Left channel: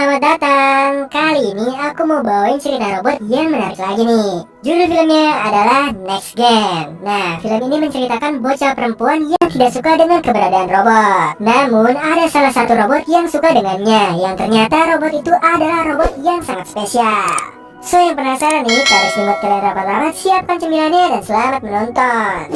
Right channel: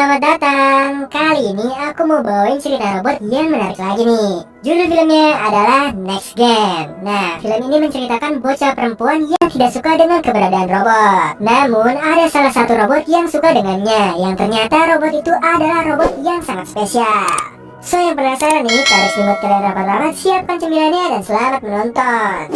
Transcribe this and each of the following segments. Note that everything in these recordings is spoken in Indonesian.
selamat datang. Kali ini aku mau bawain cerita robot yang menarik lagi nih. Judul filmnya adalah Next Gen. Nah, film ini menceritakan bocah perempuan yang tidak suka dengan keberadaan robot. Namun, ada salah satu robot yang suka dengannya, yang ternyata robot itu adalah robot yang sangat spesial. So, yang penasaran nih, taruh selimut kalian rapat-rapat, siapkan cemilannya dan selamat menonton.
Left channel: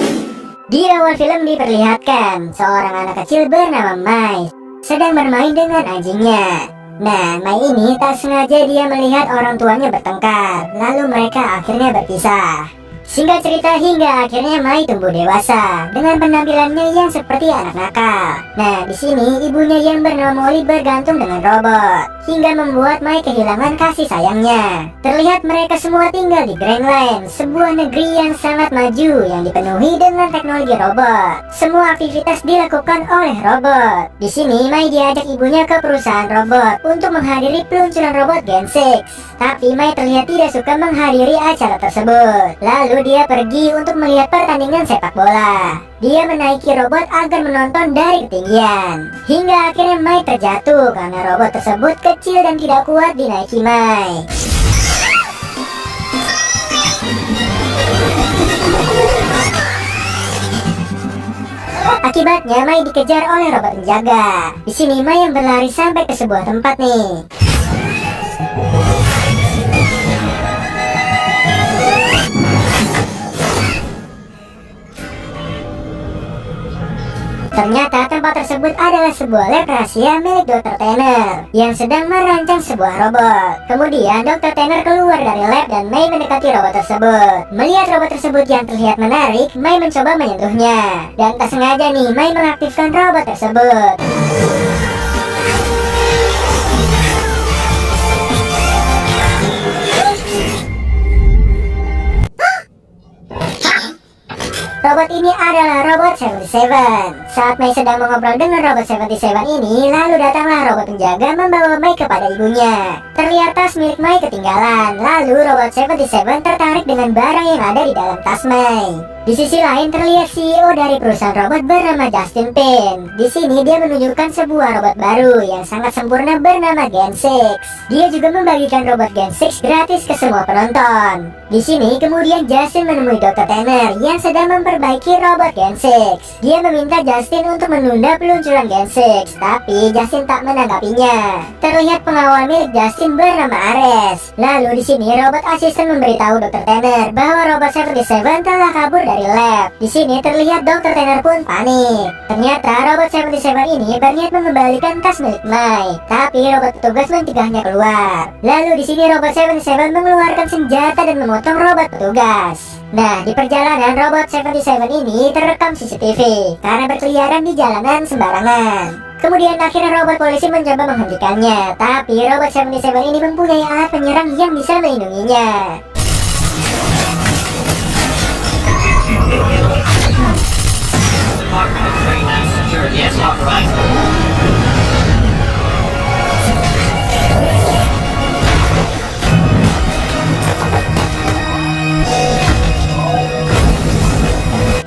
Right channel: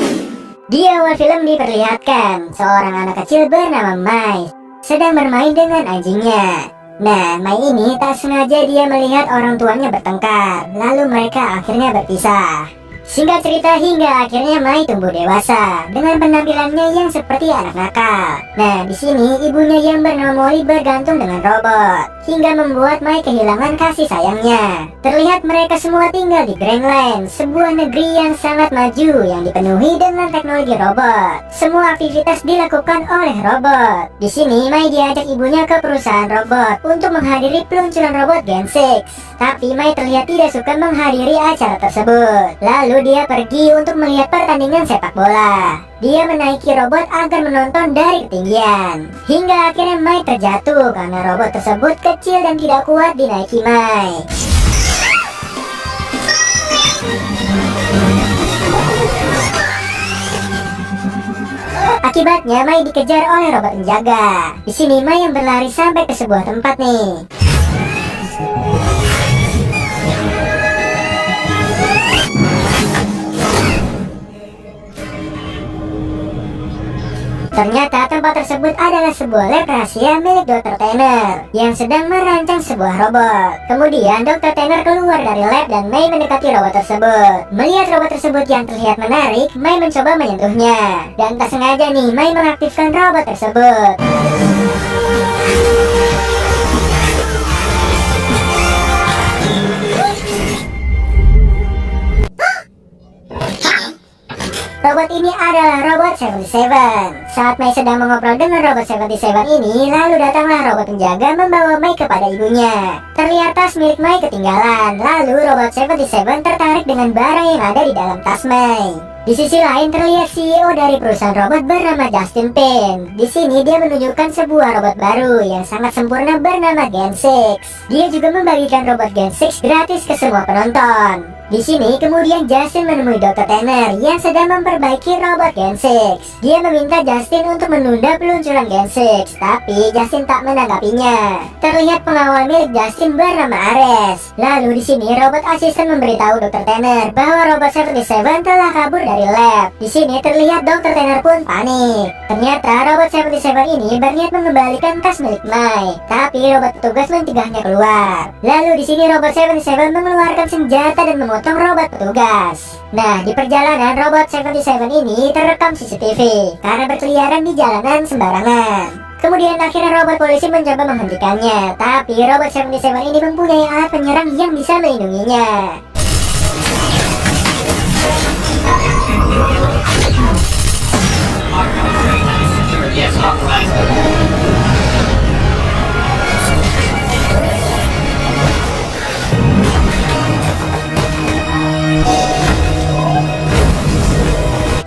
Di awal film diperlihatkan seorang anak kecil bernama Mai sedang bermain dengan anjingnya. Nah, Mai ini tak sengaja dia melihat orang tuanya bertengkar, lalu mereka akhirnya berpisah. Singkat cerita, hingga akhirnya Mai tumbuh dewasa dengan penampilannya yang seperti anak nakal. Nah, di sini ibunya yang bernama Molly bergantung dengan robot, hingga membuat Mai kehilangan kasih sayangnya. Terlihat mereka semua tinggal di Greenland, sebuah negeri yang sangat maju yang dipenuhi dengan teknologi robot. Semua aktivitas dilakukan oleh robot. Di sini Mai diajak ibunya ke perusahaan robot untuk menghadiri peluncuran robot Gen 6. Tapi Mai terlihat tidak suka menghadiri acara tersebut. Lalu dia pergi untuk melihat pertandingan sepak bola. Dia menaiki robot agar menonton dari ketinggian. Hingga akhirnya Mai terjatuh karena robot tersebut kecil dan tidak kuat dinaiki Mai. Akibatnya Mai dikejar oleh robot penjaga. Di sini Mai yang berlari sampai ke sebuah tempat nih. Ternyata tempat tersebut adalah sebuah lab rahasia milik Dr. Tanner yang sedang merancang sebuah robot. Kemudian Dr. Tanner keluar dari lab dan Mai mendekati robot tersebut. Melihat robot tersebut yang terlihat menarik, Mai mencoba menyentuhnya. Dan tak sengaja nih, Mai mengaktifkan robot tersebut. Robot ini adalah robot 77. Saat Mai sedang mengobrol dengan robot 77 ini, lalu datanglah robot penjaga membawa Mai kepada ibunya. Terlihat tas milik Mai ketinggalan. Lalu robot 77 tertarik dengan barang yang ada di dalam tas Mai. Di sisi lain terlihat CEO dari perusahaan robot bernama Justin Pin. Di sini dia menunjukkan sebuah robot baru yang sangat sempurna bernama Gen 6. Dia juga membagikan robot Gen 6 gratis ke semua penonton. Di sini kemudian Justin menemui Dr. Tanner yang sedang memperbaiki robot Gen 6. Dia meminta Justin untuk menunda peluncuran Gen 6, tapi Justin tak menanggapinya. Terlihat pengawal milik Justin bernama Ares. Lalu di sini robot asisten memberitahu Dr. Tanner bahwa robot 77 telah kabur dari lab. Di sini terlihat Dr. Tanner pun panik. Ternyata robot 77 ini berniat mengembalikan tas milik Mai, tapi robot petugas mencegahnya keluar. Lalu di sini robot 77 mengeluarkan senjata dan memotong robot petugas. Nah, di perjalanan robot 77 ini terekam CCTV karena berkeliaran di jalanan sembarangan. Kemudian akhirnya robot polisi mencoba menghentikannya, tapi robot 77 ini mempunyai alat penyerang yang bisa melindunginya. Yes, authorized.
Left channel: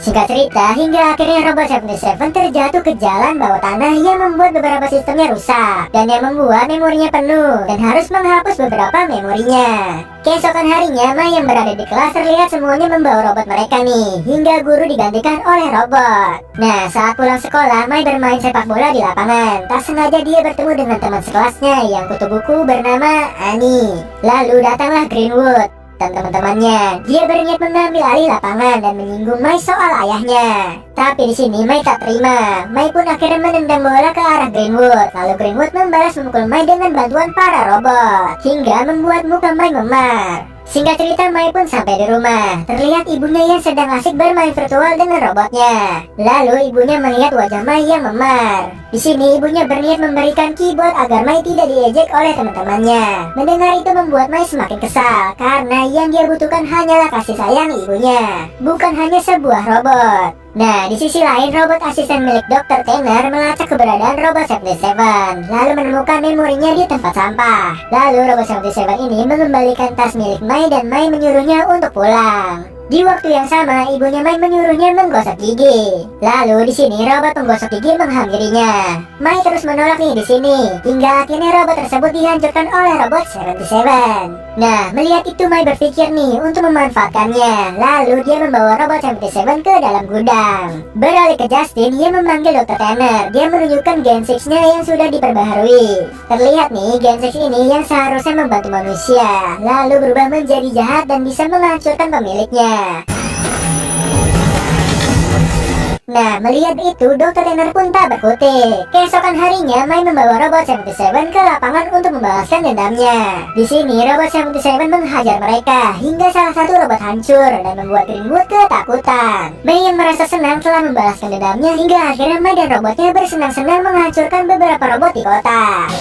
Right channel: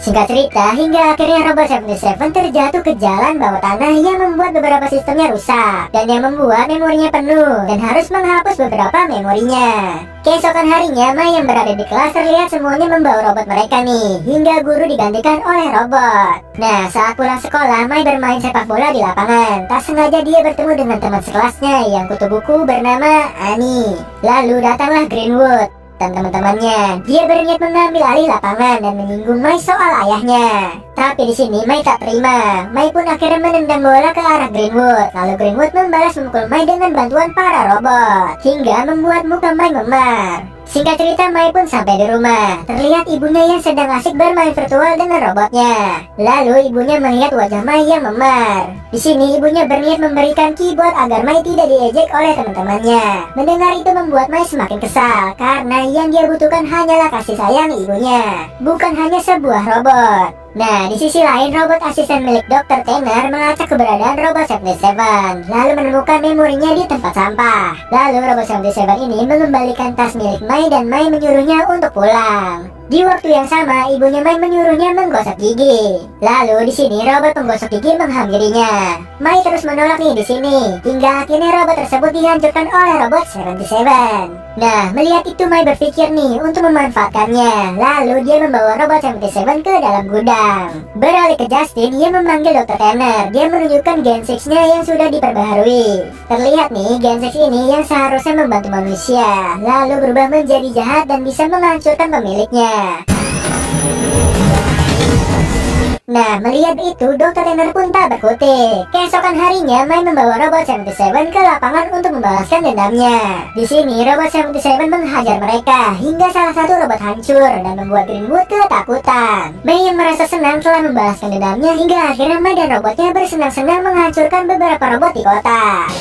Singkat cerita, hingga akhirnya robot 77 terjatuh ke jalan bawah tanah yang membuat beberapa sistemnya rusak dan yang membuat memorinya penuh dan harus menghapus beberapa memorinya. Keesokan harinya, Mai yang berada di kelas terlihat semuanya membawa robot mereka nih, hingga guru digantikan oleh robot. Nah, saat pulang sekolah, Mai bermain sepak bola di lapangan. Tak sengaja dia bertemu dengan teman sekelasnya yang kutu buku bernama Annie. Lalu datanglah Greenwood dan teman-temannya. Dia berniat mengambil alih lapangan dan menyinggung Mai soal ayahnya. Tapi di sini Mai tak terima. Mai pun akhirnya menendang bola ke arah Greenwood. Lalu Greenwood membalas memukul Mai dengan bantuan para robot, hingga membuat muka Mai memar. Singkat cerita, Mai pun sampai di rumah. Terlihat ibunya yang sedang asik bermain virtual dengan robotnya. Lalu ibunya melihat wajah Mai yang memar. Di sini ibunya berniat memberikan keyboard agar Mai tidak diejek oleh teman-temannya. Mendengar itu membuat Mai semakin kesal karena yang dia butuhkan hanyalah kasih sayang ibunya, bukan hanya sebuah robot. Nah, di sisi lain, robot asisten milik Dr. Tanner melacak keberadaan robot 77, lalu menemukan memorinya di tempat sampah. Lalu robot 77 ini mengembalikan tas milik Mai dan Mai menyuruhnya untuk pulang. Di waktu yang sama, ibunya Mai menyuruhnya menggosok gigi. Lalu di sini robot penggosok gigi menghampirinya. Mai terus menolak nih di sini, hingga akhirnya robot tersebut dihancurkan oleh robot 77. Nah, melihat itu Mai berpikir nih untuk memanfaatkannya. Lalu dia membawa robot 77 ke dalam gudang. Beralih ke Justin, dia memanggil Dr. Tanner. Dia menunjukkan Gen 6-nya yang sudah diperbaharui. Terlihat nih, Gen 6 ini yang seharusnya membantu manusia, lalu berubah menjadi jahat dan bisa menghancurkan pemiliknya. Nah, melihat itu, Dr. Tanner pun tak berkutik. Keesokan harinya, Mai membawa robot 77 ke lapangan untuk membalaskan dendamnya. Di sini, robot 77 menghajar mereka hingga salah satu robot hancur dan membuat Greenwood ketakutan. Mai yang merasa senang telah membalaskan dendamnya hingga akhirnya Mai dan robotnya bersenang-senang menghancurkan beberapa robot di kota.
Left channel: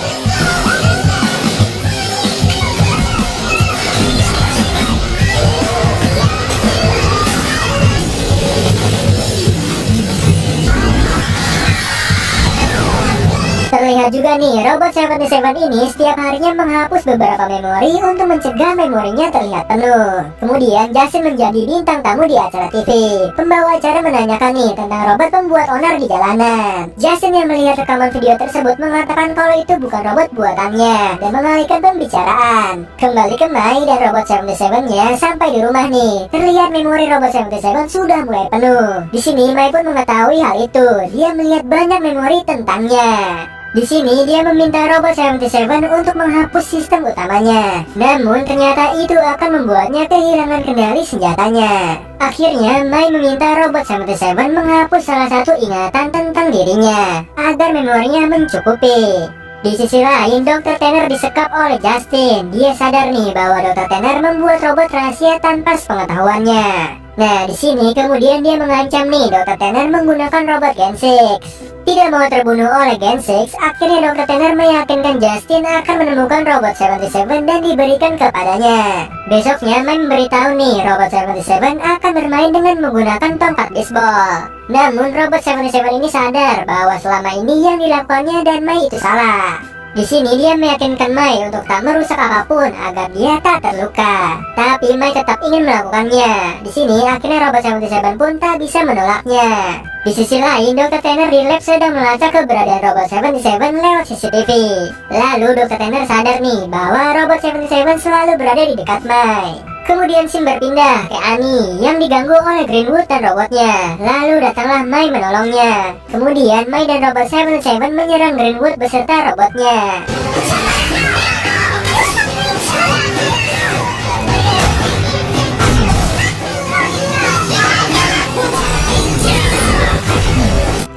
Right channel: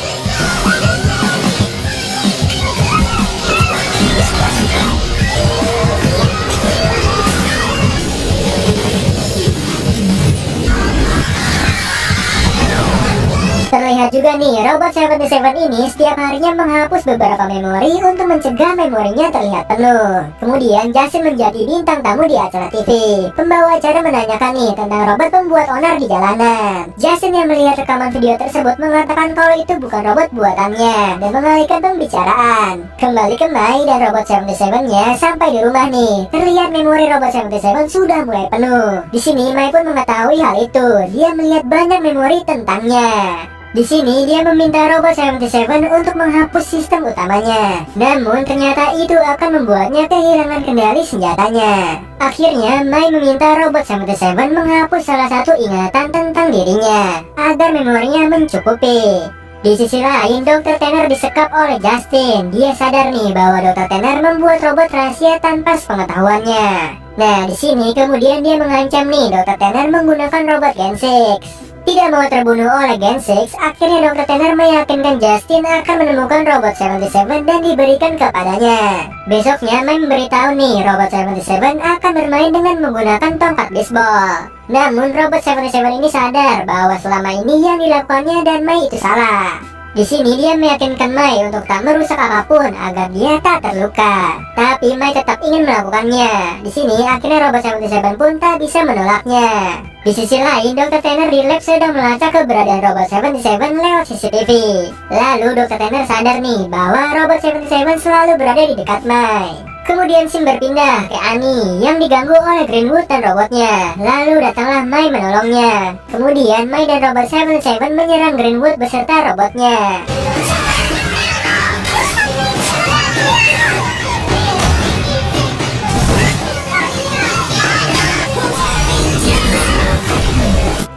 Terlihat juga nih, robot 77 ini setiap harinya menghapus beberapa memori untuk mencegah memorinya terlihat penuh. Kemudian Justin menjadi bintang tamu di acara TV. Pembawa acara menanyakan nih tentang robot pembuat onar di jalanan. Justin yang melihat rekaman video tersebut mengatakan kalau itu bukan robot buatannya dan mengalihkan pembicaraan. Kembali ke Mai dan robot 77-nya sampai di rumah nih. Terlihat memori robot 77 sudah mulai penuh. Di sini Mai pun mengetahui hal itu. Dia melihat banyak memori tentangnya. Di sini dia meminta robot 77 untuk menghapus sistem utamanya. Namun ternyata itu akan membuatnya kehilangan kendali senjatanya. Akhirnya Mai meminta robot 77 menghapus salah satu ingatan tentang dirinya agar memorinya mencukupi. Di sisi lain, Dr. Tanner disekap oleh Justin. Dia sadar nih bahwa Dr. Tanner membuat robot rahasia tanpa sepengetahuannya. Nah, di sini kemudian dia mengancam nih Dr. Tanner menggunakan robot Gen 6. Tidak mau terbunuh oleh Gen 6, akhirnya Dr. Tanner meyakinkan Justin akan menemukan robot 77 dan diberikan kepadanya. Besoknya Mai memberitahu nih robot 77 akan bermain dengan menggunakan tongkat baseball. Namun robot 77 ini sadar bahwa selama ini yang dilakukannya dan Mai itu salah. Di sini dia meyakinkan Mai untuk tak merusak apapun agar dia tak terluka. Tapi Mai tetap ingin melakukannya. Di sini akhirnya robot 77 pun tak bisa menolaknya. Di sisi lain, Dr. Tanner di lab sedang melacak keberadaan robot 77 lewat CCTV. Lalu Dr. Tanner sadar nih bahwa robot 77 selalu berada di dekat Mai. Kemudian scene berpindah ke Annie yang diganggu oleh Greenwood dan robotnya. Lalu datanglah Mai menolongnya. Kemudian Mai dan robot 77 menyerang Greenwood beserta robotnya.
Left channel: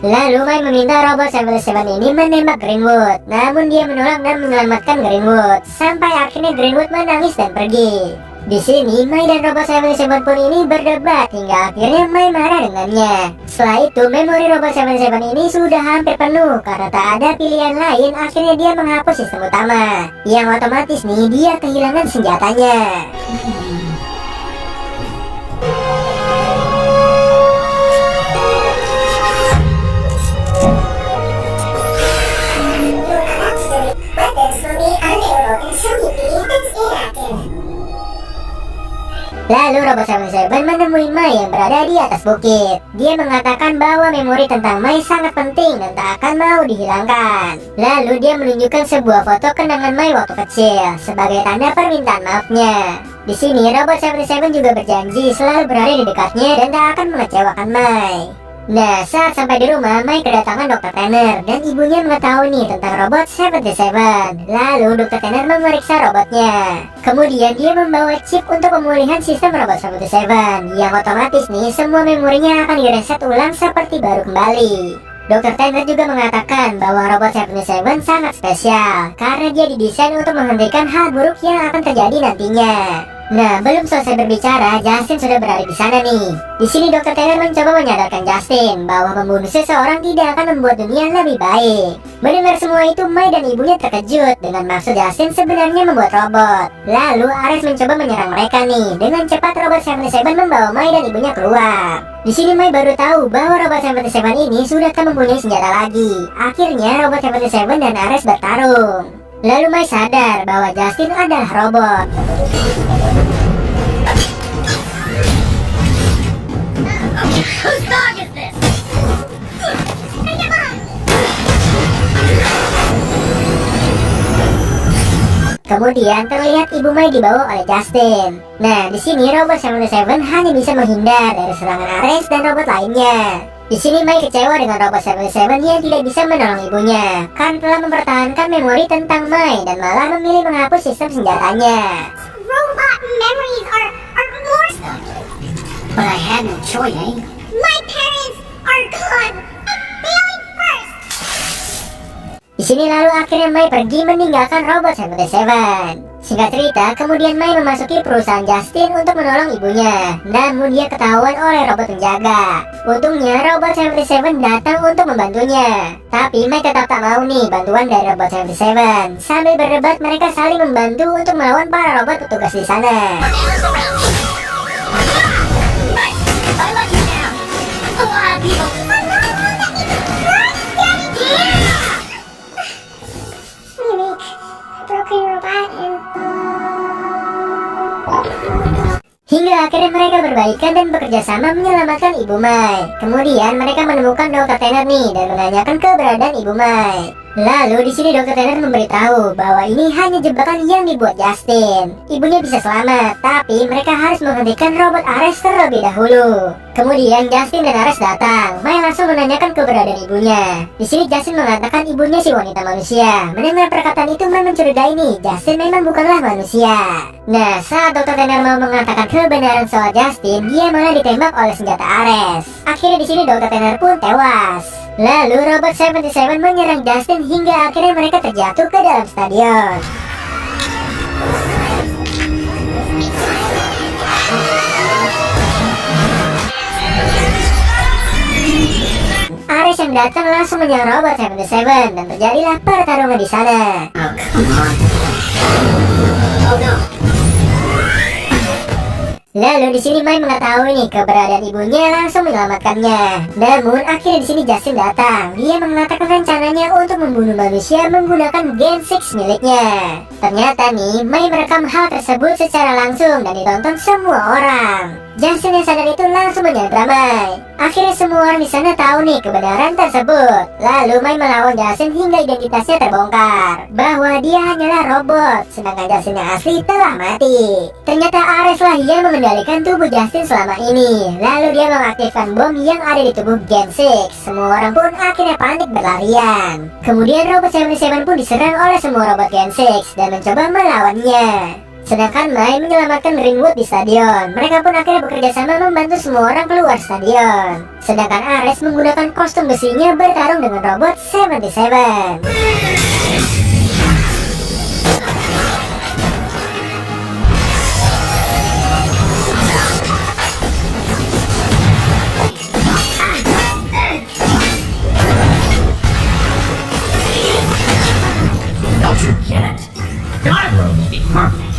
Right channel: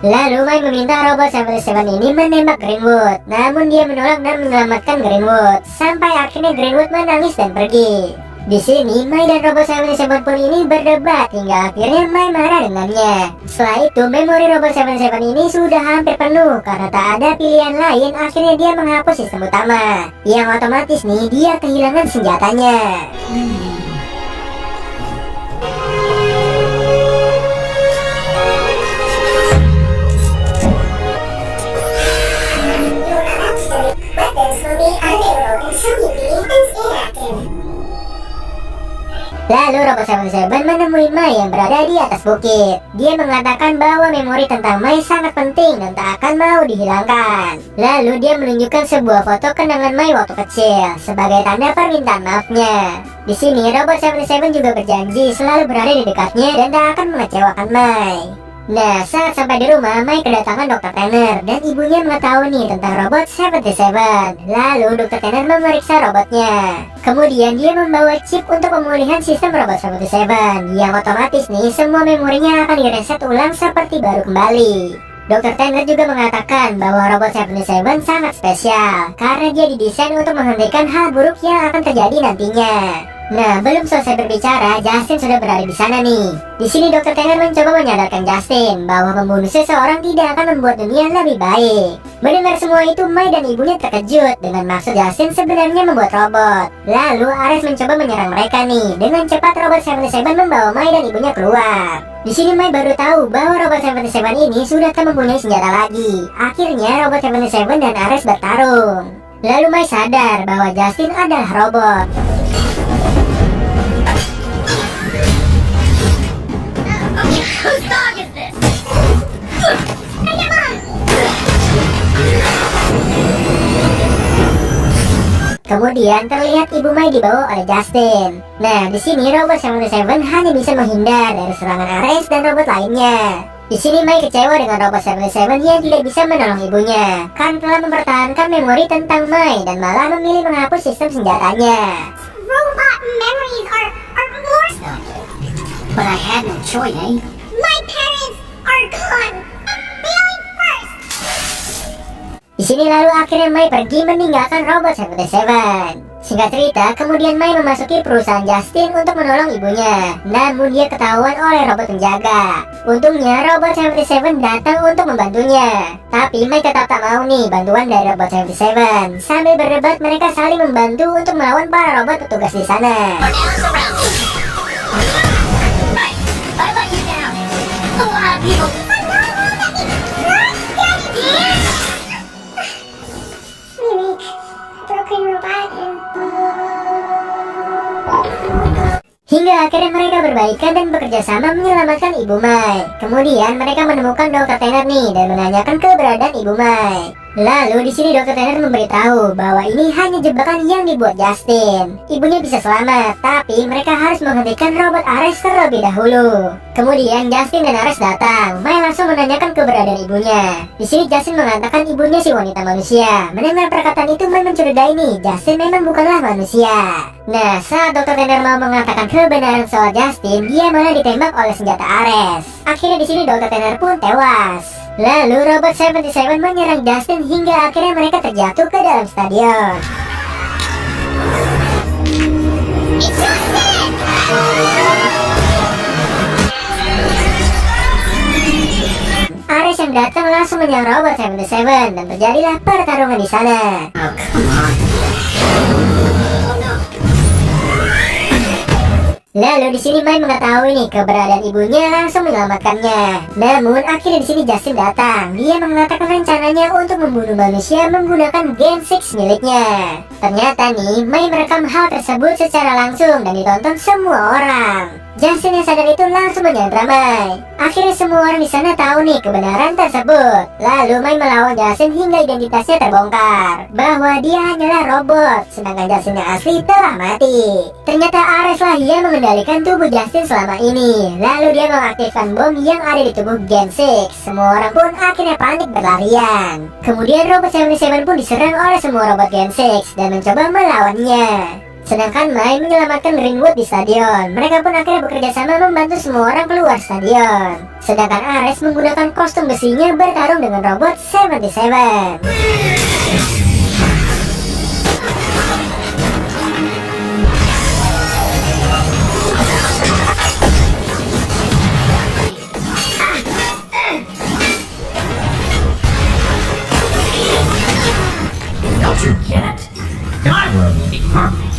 Lalu Mai meminta robot 77 ini menembak Greenwood. Namun dia menolak dan menyelamatkan Greenwood. Sampai akhirnya Greenwood menangis dan pergi. Di sini Mai dan robot 77 pun ini berdebat hingga akhirnya Mai marah dengannya. Setelah itu memori robot 77 ini sudah hampir penuh karena tak ada pilihan lain. Akhirnya dia menghapus sistem utama, yang otomatis nih dia kehilangan senjatanya. Lalu robot 77 menemui Mai yang berada di atas bukit. Dia mengatakan bahwa memori tentang Mai sangat penting dan tak akan mau dihilangkan. Lalu dia menunjukkan sebuah foto kenangan Mai waktu kecil sebagai tanda permintaan maafnya. Di sini robot 77 juga berjanji selalu berada di dekatnya dan tak akan mengecewakan Mai. Nah, saat sampai di rumah, Mai kedatangan Dr. Tanner dan ibunya mengetahui nih tentang robot 77. Lalu Dr. Tanner memeriksa robotnya. Kemudian dia membawa chip untuk pemulihan sistem robot 77 yang otomatis nih semua memorinya akan direset ulang seperti baru kembali. Dr. Tanner juga mengatakan bahwa robot 77 sangat spesial karena dia didesain untuk menghentikan hal buruk yang akan terjadi nantinya. Nah, belum selesai berbicara, Justin sudah berada di sana nih. Di sini Dr. Tanner mencoba menyadarkan Justin bahwa membunuh seseorang tidak akan membuat dunia lebih baik. Mendengar semua itu, Mai dan ibunya terkejut dengan maksud Justin sebenarnya membuat robot. Lalu Ares mencoba menyerang mereka nih. Dengan cepat robot 77 membawa Mai dan ibunya keluar. Di sini Mai baru tahu bahwa robot 77 ini sudah tak mempunyai senjata lagi. Akhirnya robot 77 dan Ares bertarung. Lalu Mai sadar bahwa Justin adalah robot. Kemudian terlihat Ibu Mai dibawa oleh Justin. Nah, di sini Robot 77 hanya bisa menghindar dari serangan Ares dan robot lainnya. Di sini Mai kecewa dengan Robot 77 yang tidak bisa menolong ibunya karena telah mempertahankan memori tentang Mai dan malah memilih menghapus sistem senjatanya. Robot memories are more. But I had no choice, eh? My parents are gone. Billy first. Di sini lalu akhirnya Mai pergi meninggalkan Robot 77. Singkat cerita, kemudian Mai memasuki perusahaan Justin untuk menolong ibunya. Namun dia ketahuan oleh robot penjaga. Untungnya Robot 77 datang untuk membantunya. Tapi Mai tetap tak mau nih bantuan dari Robot 77. Sambil berdebat mereka saling membantu untuk melawan para robot petugas di sana. Now surround me. I let you down. A lot of people. Mimic, broken robot, and Hingga akhirnya mereka berbaikan dan bekerja sama menyelamatkan Ibu Mai. Kemudian mereka menemukan Dr. Tanner nih dan menanyakan keberadaan Ibu Mai. Lalu di sini Dr. Tanner memberitahu bahwa ini hanya jebakan yang dibuat Justin. Ibunya bisa selamat, tapi mereka harus menghentikan robot Ares terlebih dahulu. Kemudian Justin dan Ares datang. Mai langsung menanyakan keberadaan ibunya. Di sini Justin mengatakan ibunya si wanita manusia. Mendengar perkataan itu Mai mencurigai nih, Justin memang bukanlah manusia. Nah, saat Dr. Tanner mau mengatakan kebenaran soal Justin, dia malah ditembak oleh senjata Ares. Akhirnya di sini Dr. Tanner pun tewas. Lalu Robot 77 menyerang Justin hingga akhirnya mereka terjatuh ke dalam stadion. Ares yang datang langsung menyerang Robot 77 dan terjadilah pertarungan di sana. Oh, come on. Oh, no. Lalu di sini Mai mengetahui nih keberadaan ibunya langsung menyelamatkannya. Namun akhirnya di sini Justin datang. Dia mengatakan rencananya untuk membunuh manusia menggunakan Gen 6 miliknya. Ternyata nih Mai merekam hal tersebut secara langsung dan ditonton semua orang. Justin yang sadar itu langsung menyandra Mai. Akhirnya semua orang di sana tahu nih kebenaran tersebut. Lalu Mai melawan Justin hingga identitasnya terbongkar bahwa dia hanyalah robot, sedangkan Justin yang asli telah mati. Ternyata Ares lah yang mengendalikan tubuh Justin selama ini. Lalu dia mengaktifkan bom yang ada di tubuh Gen 6. Semua orang pun akhirnya panik berlarian. Kemudian Robot 77 pun diserang oleh semua robot Gen 6 dan mencoba melawannya. Sedangkan Mai menyelamatkan Greenwood di stadion. Mereka pun akhirnya bekerja sama membantu semua orang keluar stadion. Sedangkan Ares menggunakan kostum besinya bertarung dengan Robot 77. Don't you get it? My world will be perfect.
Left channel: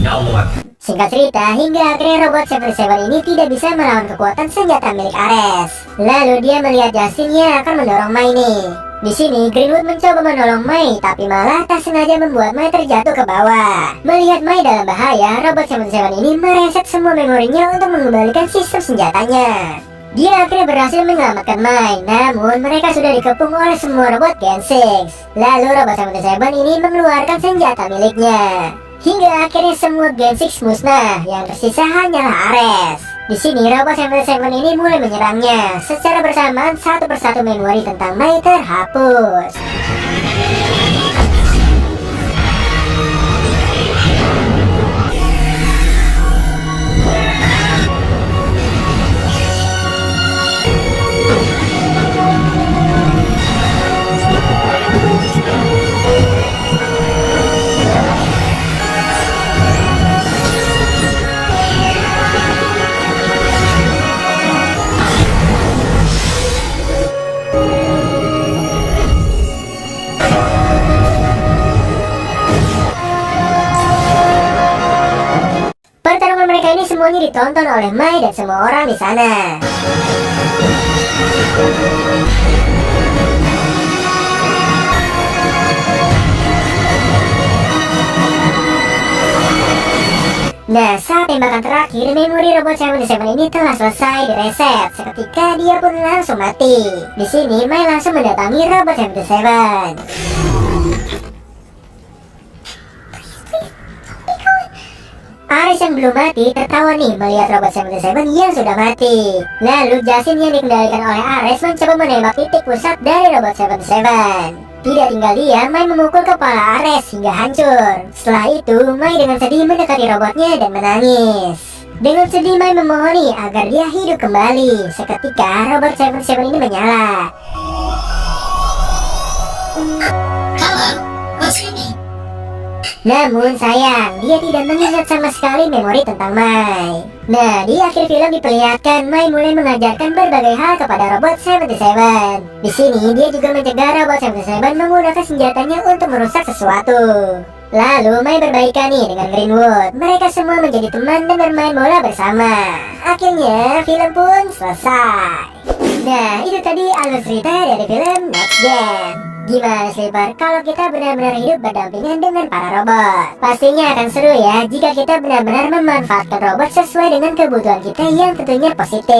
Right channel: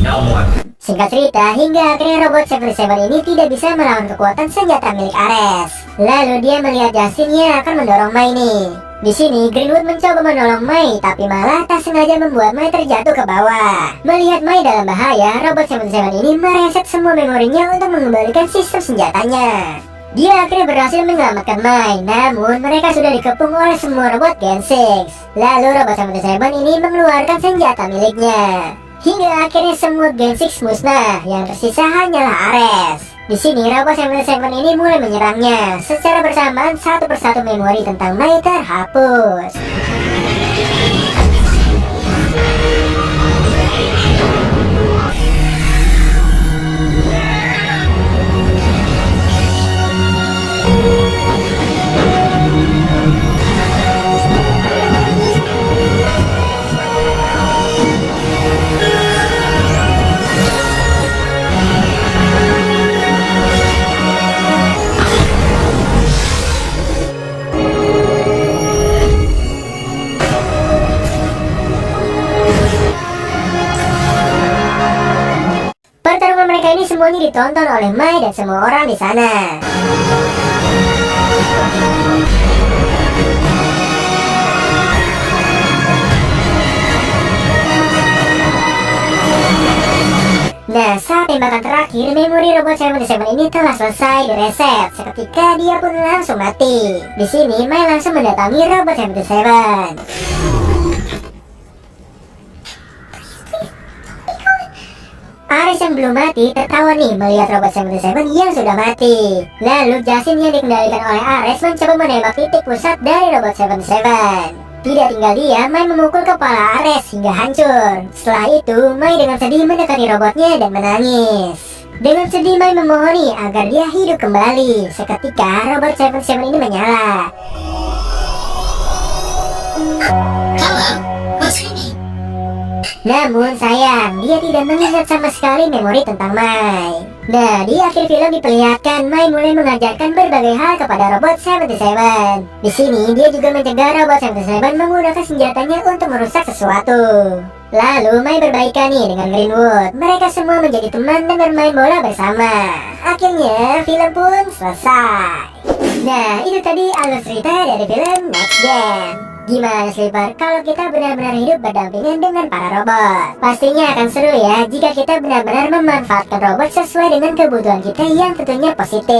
No more. Singkat cerita, hingga akhirnya Robot 77 ini tidak bisa melawan kekuatan senjata milik Ares. Lalu dia melihat Justin yang akan mendorong Mai nih. Di sini Greenwood mencoba menolong Mai, tapi malah tak sengaja membuat Mai terjatuh ke bawah. Melihat Mai dalam bahaya, Robot 77 ini mereset semua memorinya untuk mengembalikan sistem senjatanya. Dia akhirnya berhasil menyelamatkan Mai, namun mereka sudah dikepung oleh semua robot Gen 6. Lalu Robot 77 ini mengeluarkan senjata miliknya. Hingga akhirnya semua Gen 6 musnah, yang tersisa hanyalah Ares. Di sini Robot 77 ini mulai menyerangnya. Secara bersamaan satu persatu memori tentang Mai terhapus. Pertarungan mereka ini semuanya ditonton oleh Mai dan semua orang di sana. Nah, saat tembakan terakhir, memori Robot 77 ini telah selesai direset. Seketika dia pun langsung mati. Di sini Mai langsung mendatangi Robot 77. Ares yang belum mati tertawa nih melihat robot 77 yang sudah mati. Lalu Justin yang dikendalikan oleh Ares mencoba menembak titik pusat dari robot 77. Tidak tinggal dia, Mai memukul kepala Ares hingga hancur. Setelah itu, Mai dengan sedih mendekati robotnya dan menangis. Dengan sedih, Mai memohoni agar dia hidup kembali. Seketika, robot 77 ini menyala. Hello, what's your name? Namun sayang, dia tidak mengingat sama sekali memori tentang Mai. Nah, di akhir film diperlihatkan Mai mulai mengajarkan berbagai hal kepada robot 77. Di sini dia juga mencegah robot 77 menggunakan senjatanya untuk merusak sesuatu. Lalu Mai berbaikan nih dengan Greenwood. Mereka semua menjadi teman dan bermain bola bersama. Akhirnya film pun selesai. Nah, itu tadi alur cerita dari film Next Gen. Gimana Sleeper kalau kita benar-benar hidup berdampingan dengan para robot? Pastinya akan seru ya jika kita benar-benar memanfaatkan robot sesuai dengan kebutuhan kita yang tentunya positif.